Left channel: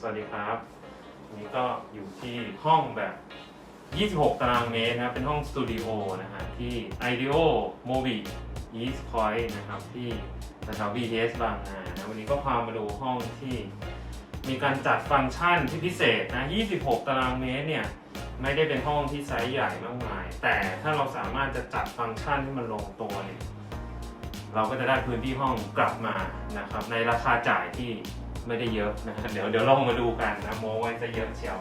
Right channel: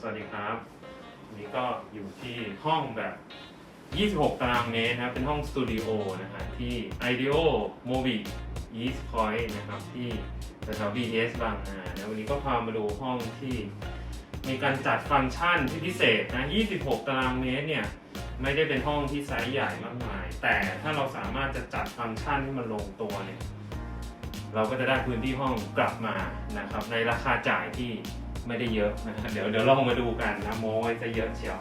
สวัสดีครับวันนี้ก็อยู่ที่ห้องแบบ 26 ตารางเมตรนะครับเป็นห้องสตูดิโอนะฮะที่ IDEO m o b i East Point นะครับที่แถว BTS บางนานะวันนี้ก็พามาดูห้องที่มีการจัดฟังก์ชันที่พิเศษนะ 26 ตารางเมตรเนี่ยไม่ได้เป็นห้องที่ไซส์ใหญ่มากมาย แต่ถ้าเราสามารถจะจัดฟังก์ชันให้มันลงตัวเนี่ยเราก็จะได้พื้นที่ห้องกลับมานะครับในราคาจ่ายที่ ไม่ได้เยอะนะฮะเดี๋ยวเดี๋ยวลองมาดูกันนะโมไว้จะเยอะเชียว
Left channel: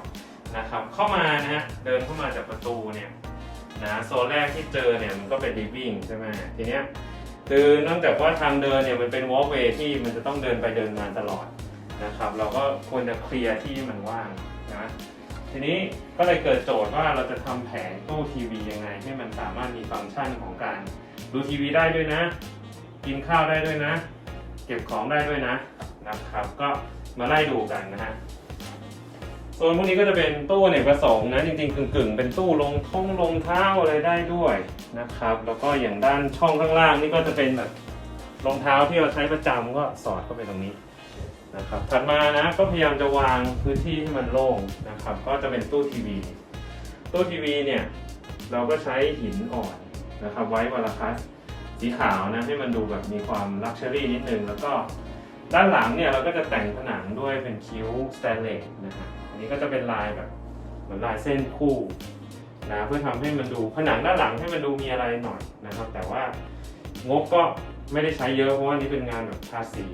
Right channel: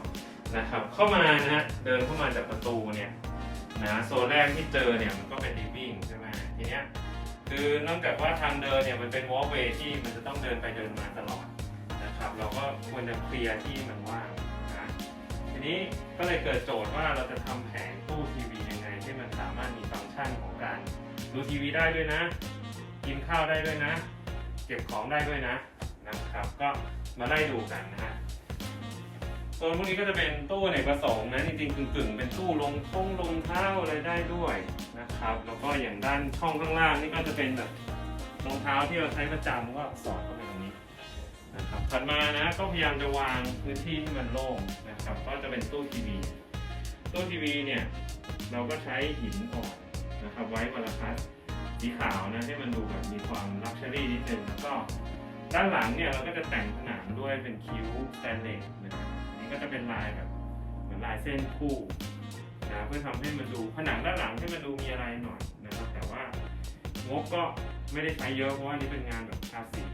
นะครับ เข้ามานะฮะเดินเข้ามาจากประตูเนี่ยนะโซนแรกที่เจอเนี่ยมันก็เป็น living ใช่ไหมทีเนี้ยคือเนื่องจากว่าทางเดินเนี่ยมันเป็น walkway ที่มันจะต้องเดินไปเดินมาตลอดนะครับ เราก็ควรจะเคลียร์ที่มันว่างนะทีนี้ก็เลยเกิดโจทย์ว่าเราจะทำแผงตู้ทีวียังไงให้มันสามารถมีฟังก์ชันของการดูทีวีได้ด้วยนะ กินข้าวได้ด้วยนะ เก็บของได้ด้วยนะ นะครับ ก็มาไล่ดูกันนะฮะโซนพวกนี้ก็จะเป็นตู้เนกประสงค์นะจริงๆกึ่งๆ เป็นตู้ลงท่องลงเท้าอะไรได้ด้วยนะครับ แล้วก็อย่างด้านช่องข้างล่างนี่ก็จะเป็นแบบรองเท้าที่เราใช้ประจำก็สอดเข้าไปตรงนี้นะครับถัดมานะก็พยายามจะวางพื้นที่ที่มันโล่งนะครับ ก็จะเป็นตู้ทีวีตู้ทีวีเนี่ยเราก็ใช้หินอ่อนนะครับ ไว้วาลคัสสีขาวนะให้มันดูแบบมีความลักชัวรี่นิดนึงแล้วก็ ด้านหลังเนี่ยเราก็จะแต่งผนังด้วยเป็นคิ้วสแตนเลสนะครับอันนี้ก็จะเป็นลายแบบเหมือนลายเส้นคู่นะเพื่อทำให้มันดูผนังด้านหลังให้มันดูมีอะไรหน่อยนะครับ แต่ว่างบก็ไม่ได้ใช้เยอะเพราะว่านี่เป็นงานแบบทาสี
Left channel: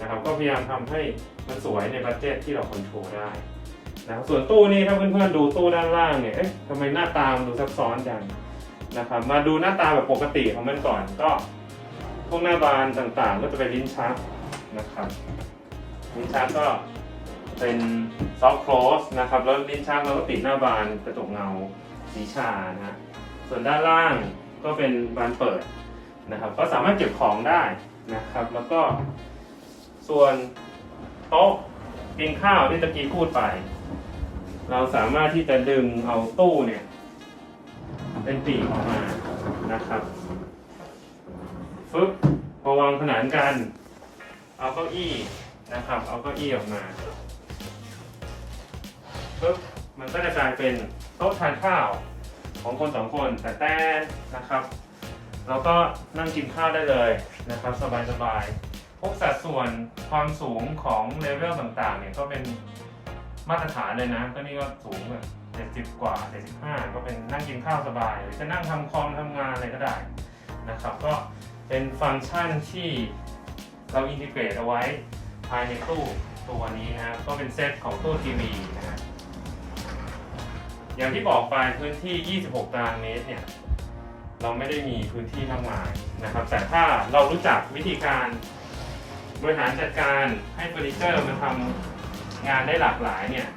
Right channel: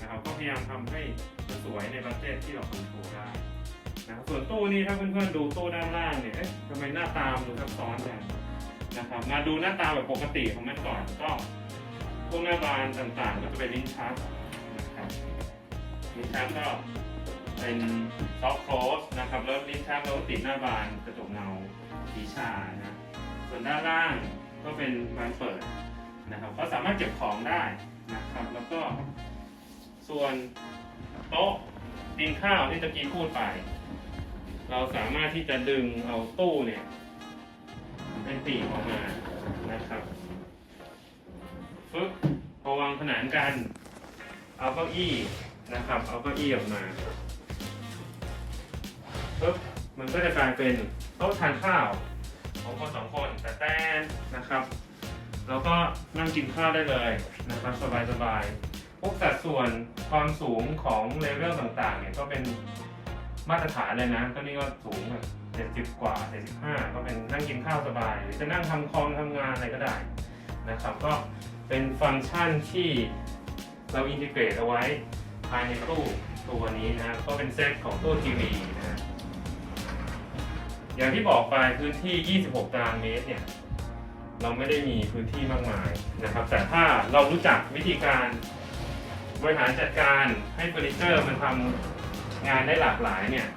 นะครับ ก็พยายามทำให้มันสวยในบัตเจ็ตที่เราคอนโทรลได้นะส่วนตู้นี้ถ้าเพื่อนๆดูตู้ด้านล่างเนี่ยเอ๊ะทำไมหน้าตามดูซับซ้อนจังนะครับมาดูหน้าตาแบบปกติของมันก่อนก็พวกหน้าบานต่างๆ ก็จะเป็นลิ้นชัก นะครับลิ้นชักก็เป็นซอฟต์โคลสนะครับ แล้วลิ้นชักเราก็ติดหน้าบานกระจกเงาสีชานะส่วนด้านล่างก็เป็นบานเปิดนะครับ ก็สามารถเก็บของได้นะครับ แล้วก็ส่วนโต๊ะกินข้าวที่ตะกี้พูดไป เราสามารถที่จะดึงเอาตู้เนี่ย เป็นปีกออกมานะครับฟึบพอวางขนานกัน เอาเก้าอี้นะครับ เอาเก้าอี้ออกมาฟึบมันก็จะกลายเป็นโต๊ะทานข้าวของคนสองคนแต่แต่นะครับแล้วก็นั่งกินข้าวได้เลยนะครับสบายๆพวกสัดส่วนความสูงของเลเวลต่างๆเนี่ยก็เป็นมาตรฐานเลยนะก็นี่ก็สูงแบบเจ็ดสิบกว่าเจ็ดสิบห้าก็เป็นนั่งกินข้าวสบาย หรือจะนั่งทำคอมทำงานอะไรก็ได้นะครับ ก็เป็นฟังก์ชันที่ เราอินทิเกรตเอาไว้ภายในตู้ตัวนี้นะก็เป็นเซตของตู้ทีวีนะอย่างที่บอกไปพื้นที่ 26 ตารางเมตรเนี่ยเราไม่ได้มีพื้นที่มากมายนะครับ แต่ถ้าเรารู้จักวิธีการบริหารจัดการให้เฟอร์นิเจอร์มันทำงานได้หลากหลายเนี่ย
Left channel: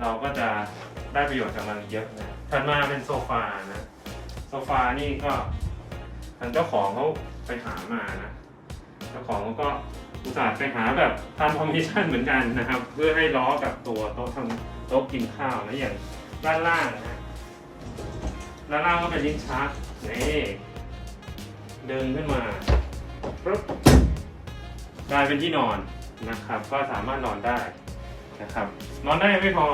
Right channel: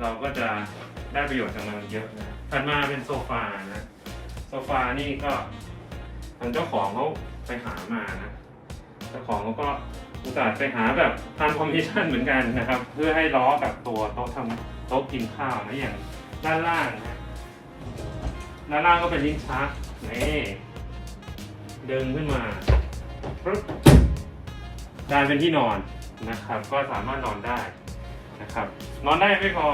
เราก็จะได้ประโยชน์จากมันเยอะนะถัดมาเป็นโซฟานะ โซฟานี่ก็ทางเจ้าของเขา ไปหามานะเจ้าของเขาก็อุตส่าห์ไปหาแบบตามคอมมิชชั่นเหมือนกันนะครับ เพื่อให้ล้อกับตัวโต๊ะทำโต๊ะกินข้าวนะอย่างด้านล่างนะด้านล่างก็เป็นลิ้นชักนี่เดึงขึ้นมาปึ๊บได้เป็นที่นอนนะครับ ก็สามารถนอนได้นะครับ นอนได้ไม่พอ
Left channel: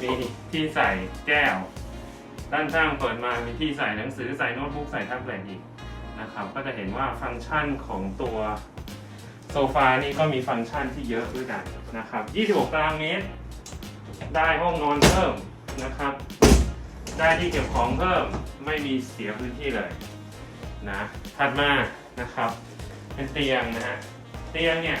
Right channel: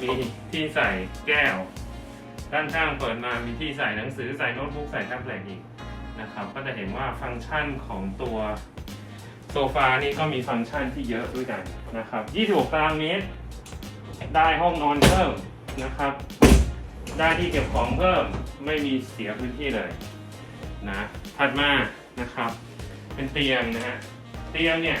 มีที่ใส่แก้ว ด้านข้างเปิดมามีที่ใส่หนังสือใส่โน้ตบุ๊กใส่แท็บเล็ตอีก นะครับ ก็จะเห็นว่าฟังก์ชันของตัวโซฟานี่ก็มีฟังก์ชันที่เยอะด้วยกันนะครับ 26 ตารางเมตร ได้ห้องนอนเพิ่มนะครับ ได้ที่เก็บของเพิ่ม ไม่มีเสียพื้นที่เลยนะถัดมานะครับ เป็นเตียงนะฮะ เตียงเนี่ย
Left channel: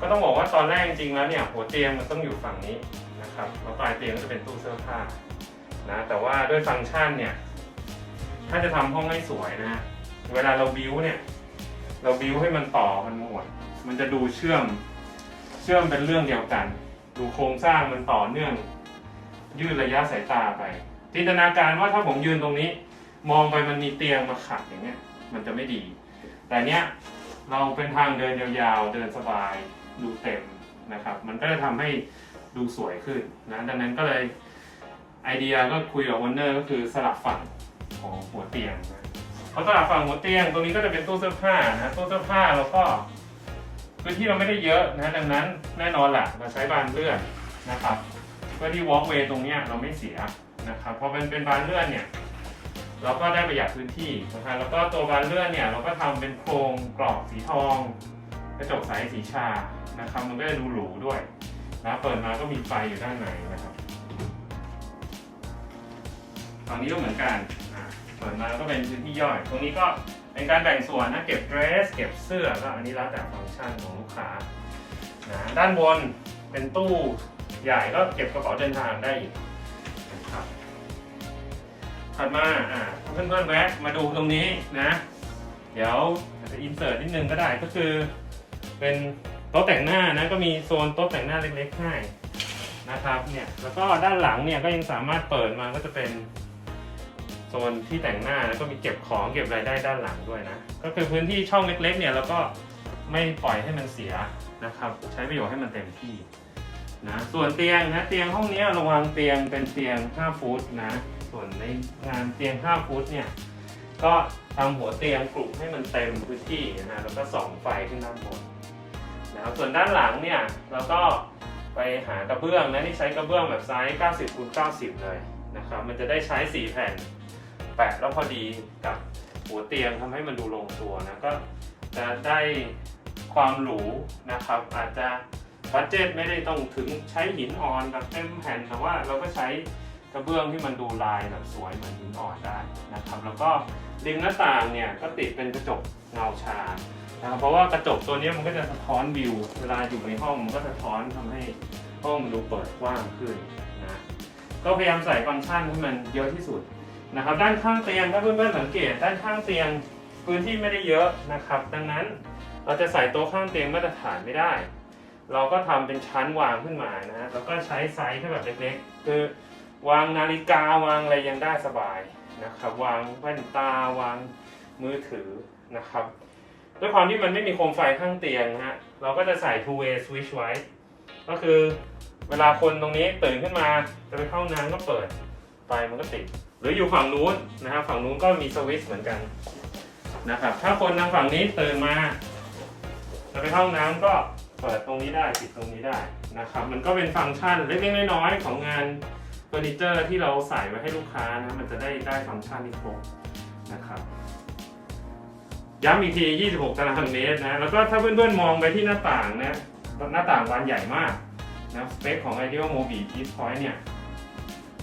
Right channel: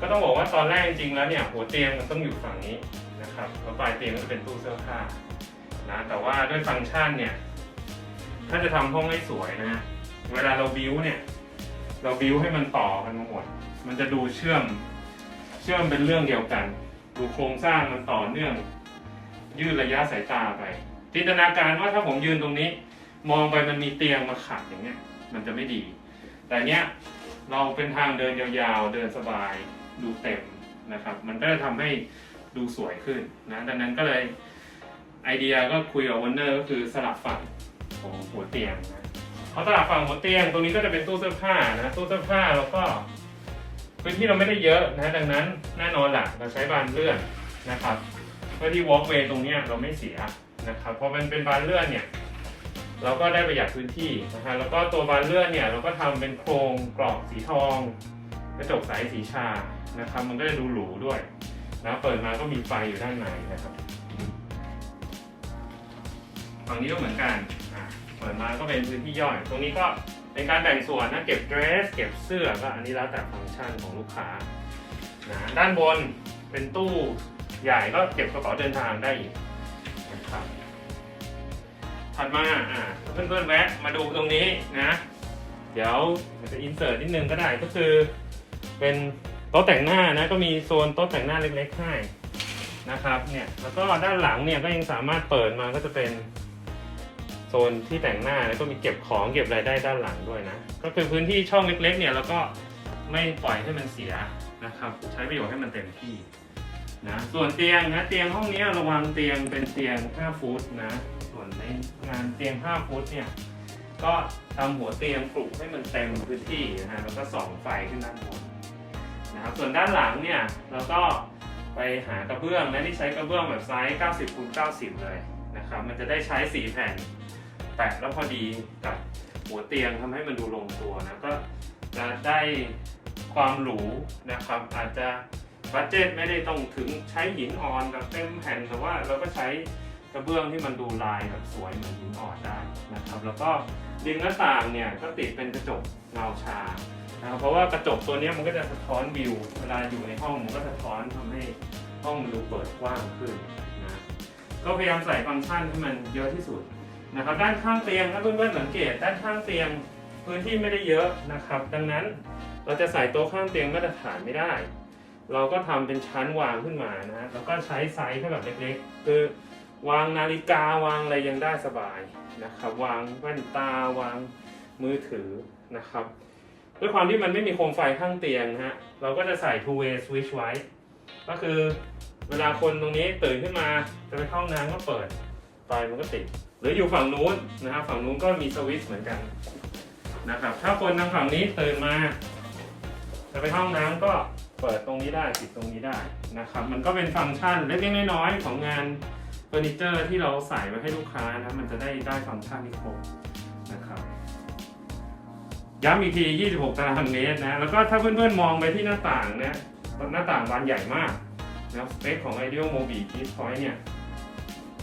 ก็ต้องบอกว่าตอนแรกจริงๆแล้วเนี่ยหัวเตียงมันต้องอยู่ฝั่งนี้นะครับแล้วปลายเตียงก็จะเป็นตู้เสื้อผ้านะแต่ว่าด้วยฟังก์ชันเนี่ย ถ้าจะทำห้องให้สวยนะฮะ เวลาเราบิวเนี่ย เราบิวให้มันต่อมันหมด มันจะดูเชื่อม เชื่อมเป็นเรื่องเดียวกัน ดูโครงสร้างมันต่อเนื่อง ยืดระยะสายตาไป จินตนาการว่าถ้าผมยืนตรงนี้ มองไปมันมีเตียงมาขัดอย่างเงี้ย มันจะไม่ดี แต่เนี้ยเราเป็นทางเดินยาวๆ เดินสบาย ดูเต็มนะครับ มันก็จะทำให้ดูสวยขึ้นนะดังนั้นก็เลยไอเดียก็คุยกับวอนเนอร์ก็คือสลับฝั่งของหัวเตียงนะ พอสลับฝั่งหัวเตียงตรงนี้ก็จะเป็นตู้เสื้อผ้านะตู้เสื้อผ้าแล้วก็พื้นที่เราไม่ได้เยอะนะดังนั้นแน่นอนแหละเราใช้บานเลื่อนนะครับเพื่อที่ walkway ตรงนี้เราไม่เสียนะครับเพราะมันเป็นบานเลื่อนเนี่ยเราก็ได้ประหยัดพื้นที่นะครับแล้วก็ตัวบานเลื่อนเนี่ยเราก็ทำเป็นโครงกรอบสีทองกระจกใสสีชานะครับ มันก็จะดูหรูด้วยนะเปิดมาก็มีไฟอยู่ด้านในนะครับฝั่งนี้ก็เหมือนกัน อะเปิดมาก็เป็นพื้นที่ย่อย ตรงนี้ก็เป็นการแบ่งส่วนนะเก็บเดรส เก็บเสื้อก็อันนี้แล้วแต่ฟังก์ชันของลูกค้านะด้านบนเป็นตู้ใหญ่ก็เก็บกระเป๋าเดินทางได้อีกนะครับถัดมาอ่าเพื่อนๆแวะมาดูตรงนี้นะ เดี๋ยวอาจจะอินเสิร์ตนิดนึงก็ได้ก็คือ เป็นโต๊ะแต่งหน้านะก็มีโซนโต๊ะแต่งหน้าเล็กๆให้นะครับเนี่ยแล้วก็ด้านหลังเนี่ยก็ยังสามารถเปิดมาก็จะเป็น ซนที่แต่งหน้าแล้วก็มีเก็บของเก็บรายได้ด้านหลังด้วยนะ ก็คือพื้นที่ช่องเล็กๆเนี่ยแล้วก็ไม่ปล่อยให้มันเสียนะครับ ใช้ประโยชน์ให้มันเต็มที่นะส่วนเตียงนะเตียงห้องนี้ระวังเตียงเป็นเตียง 5 ฟุตนะ ส่วนในงานเตียง 5 ฟุตเนี่ยก็ทำหัวเตียงปลุกให้มันเต็มพื้นที่นะฮะแล้วก็ส่องไฟขึ้นด้านบนนะครับส่วนด้านหลังเนี่ยเราก็ไปหากระเบื้องนะที่ใช้กระเบื้องแบบไซส์ 90คูณ90 เลยนะครับ มันจะได้ใช้ 4 แผ่น แปะแล้วพอดีกับหัวเตียงทำให้มันดูลงตัวนะก็จะได้ความหรูนะครับ อาจจะบัตเจตไม่ได้ต้องถึงใช้หินอ่อนแบบเต็มแผ่นแต่ว่าเราก็ใช้กระเบื้องที่มันดูลายแบบสวยเหมือนหินอ่อนได้นะครับ แล้วก็ดึงหน้าต่างเนี่ยก็ติดเป็นกระจกเงาชานะครับเพราะว่ากระจกตัวนี้มันก็จะสะท้อนวิว เวลาอยู่ในห้องมันก็สะท้อนทำให้ห้องมันดูเปิดกว้างขึ้นนะก็พยายามใส่ฟังก์ชันให้มันเยอะที่สุด นะครับด้านข้างเตียงถ้าเพื่อนๆสังเกตด้านข้างเตียงพื้นที่ไม่ได้เยอะนะครับ ดังนั้นเราจะใส่โต๊ะข้างเตียงมาตรฐานไม่ได้ เราก็ทำเป็นชั้นวางขึ้นมานะแล้วก็ใช้ไซส์ที่แบบเล็กๆ คือวางนาฬิกาวางอะไรยังได้สบายนะครับวางแว่นตาวางมือถือนะครับด้วยความที่มันไม่มีโคมไฟข้างเตียงนะฮะเราก็จะใส่ two way switch ไว้ ก็คือเวลาคนตรงนี้ตื่นขึ้นมาจะไปเข้าน้ำก็เปิดไฟมันก็ติด รืออยู่ฝั่งนู้นนะครับ ฝั่งนู้นก็มีสวิตช์เหมือนกันนะครับ ถ้าคนทางฝั่งนี้ตื่นมาจะไปเข้าห้องน้ำก็เปิดตรงนี้ได้ปิดตรงนี้ได้นะครับ มันก็เป็นฟังก์ชันเล็กๆน้อยๆของงานเฟอร์นิเจอร์ที่เราใส่ไว้ให้ลูกค้านะมันจะได้ได้ฟังก์ชันที่ครบนะครับย้ำอีกที 26ตารางเมตรนะ แล้วก็ถ้าเพื่อนๆมองไปที่หน้าต่างนะหน้าต่างบานใหญ่มากนะสเปคของ Ideal Mobi East Point เนี่ย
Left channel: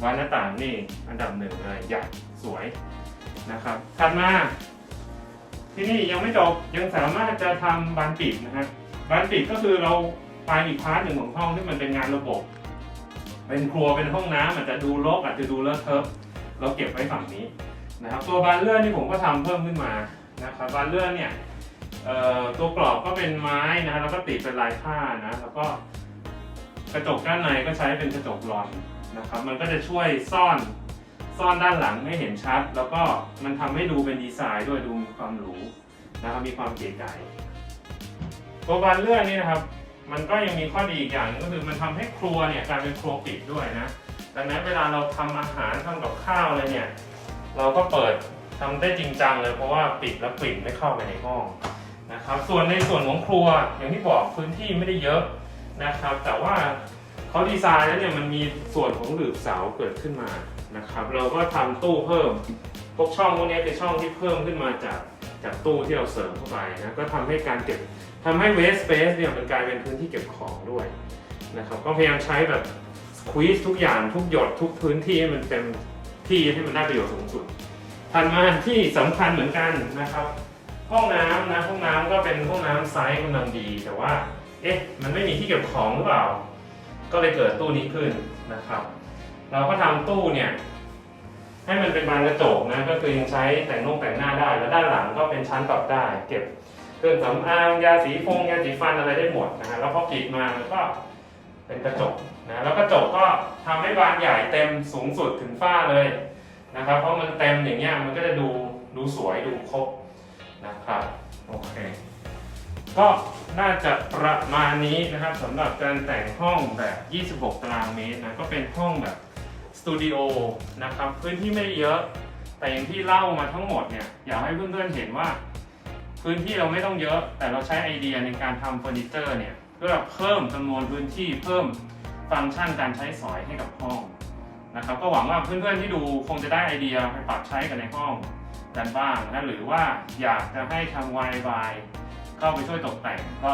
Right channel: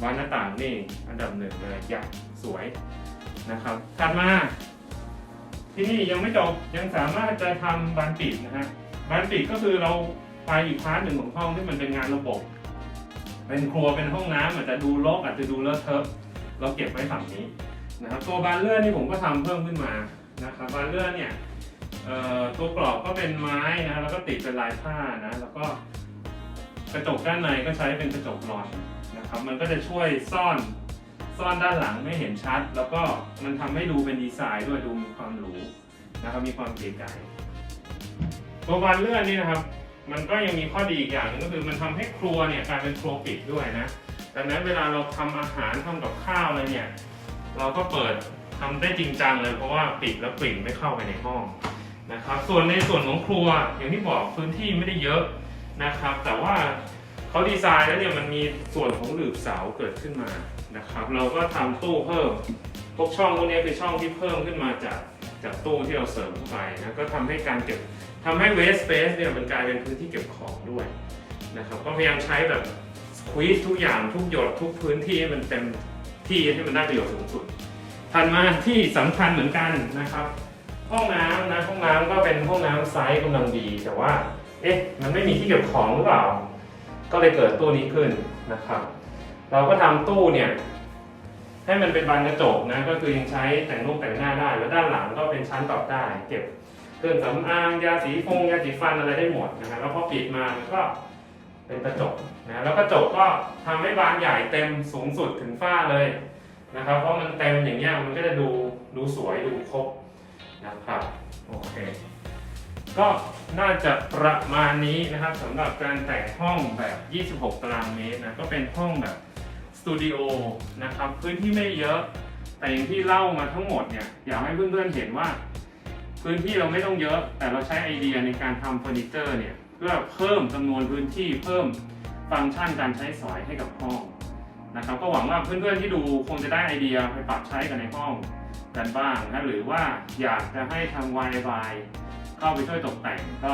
บานหน้าต่างนี่อันดับหนึ่งเลยใหญ่สวยนะครับถัดมา ที่นี่ยังไม่จบยังสามารถจะทำบานปิดนะฮะบานปิดก็คือเราไปอีกพาร์ทหนึ่งของห้องที่มันเป็นงานระบบ เป็นครัวเป็นห้องน้ำอาจจะดูรกอาจจะดูเลอะเทอะเราเก็บไว้ฝั่งนี้นะครับ ตัวบานเลื่อนนี่ผมก็ทำเพิ่มขึ้นมานะครับบานเลื่อนเนี่ยตัวกรอบก็เป็นไม้นะแล้วก็ติดเป็นลายผ้านะแล้วก็กระจกด้านในก็ใช้เป็นกระจกรอน นะครับ มันก็จะช่วยซ่อนซ่อนด้านหลังไม่เห็นชัด แล้วก็มันทำให้ดูเป็นดีไซน์ด้วยดูมีความหรูนะครับมีความเก๋ไก๋ตัวบานเลื่อนนี่นะครับ มันก็ยังมีข้อดีอีกอย่างนึงก็คือมันทำให้ครัวเนี่ยกลายเป็นครัวปิดด้วยนะดังนั้นเวลาเราทำอาหารทำกับข้าวอะไรเนี่ย เราก็เปิดทำได้จริงจังเลยเพราะว่าปิดแล้วกลิ่นไม่เข้าไปในห้องนะครับ ส่วนในส่วนของครัวอย่างที่บอกพื้นที่ไม่ได้เยอะนะครับ แต่ว่า เขาดีไซน์แล้วเนี่ยมันมีส่วนของหลืบเสาเกิดขึ้นมานะครับ เราก็ทำตู้เพิ่มพวกช่องพวกนี้คือช่องที่เพิ่มขึ้นมาจากจากตู้ที่เราเสริมเข้าไปนะก็ทำให้การเก็บทำให้ waste space เนี่ยมันกลายเป็นพื้นที่เก็บของด้วยนะครับก็พยายามใช้แบบ squeeze ทุกอย่างทุกหยดทุกพื้นที่ให้มันเต็มที่ให้มันได้ประโยชน์สูงสุดถัดมาที่สำคัญเหมือนกันนะครับ ห้องน้ำนะห้องน้ำก็เป็นห้องน้ำไซส์กำลังดี แต่ว่าเอ๊ะมันไม่มีที่เก็บของหรือเปล่า ก็เลยเกิดตู้นี้ขึ้นนะครับ เราก็ทำตู้เนี่ยให้มันเป็นบานกระจกนะก็คือยังใช้แต่งนุ่งแต่งหน้าได้ แล้วด้านหลังก็เป็นชั้นปรับได้ เก็บเครื่องสำอางยาสีฟงยาสีฟันอะไรได้หมดนะฮะแล้วพอกรีดมามันก็เป็นกระจกนะแล้วกระจกก็ทำให้บานใหญ่เต็มสูงสุดถึงฝ้าเลยนะครับ เพราะมันเต็มอย่างเงี้ยมันก็จะดูดูสวยดูครบนะครับโอเค ก็น่าจะประมาณนี้นะครับสำหรับการแต่งห้องแบบ 26 ตารางเมตรนะก็เป็นห้องแบบสตูดิโอนะครับพื้นที่ไม่เยอะ แต่อย่างที่เล่ามาทั้งหมดเนี่ยอยากให้เพื่อนๆเห็นว่า พื้นที่เราไม่ต้องเยอะ แต่เราใช้ไอเดียในการทำเฟอร์นิเจอร์เนี่ยเพื่อเพิ่มจำนวนพื้นที่เพิ่มฟังก์ชันการใช้สอยให้กับห้องนะครับก็หวังว่าเพื่อนๆที่ดูคงจะได้ไอเดียไปปรับใช้กันในห้องกันบ้างนะหรือว่าอยากจะให้ทาง y y เข้าไปช่วยตกแต่งก็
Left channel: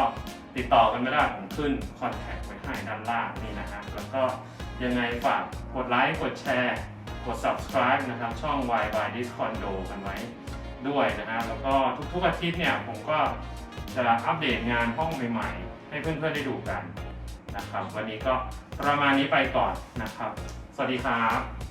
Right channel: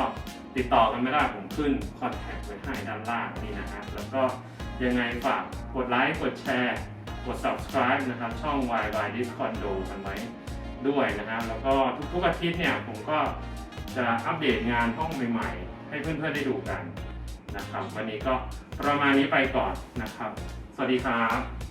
ติดต่อกันไม่ได้ผมขึ้นคอนแทคไว้ให้ด้านล่างนี่นะครับแล้วก็ยังไงฝากกดไลค์กดแชร์กด subscribe นะครับ ช่อง y y Discord ดูกันไว้ด้วยนะฮะแล้วก็ทุกๆอาทิตย์เนี่ยผมก็จะอัปเดตงานห้องใหม่ๆ ให้เพื่อนๆได้ดูกันนะครับ วันนี้ก็ประมาณนี้ไปก่อนนะครับ สวัสดีครับ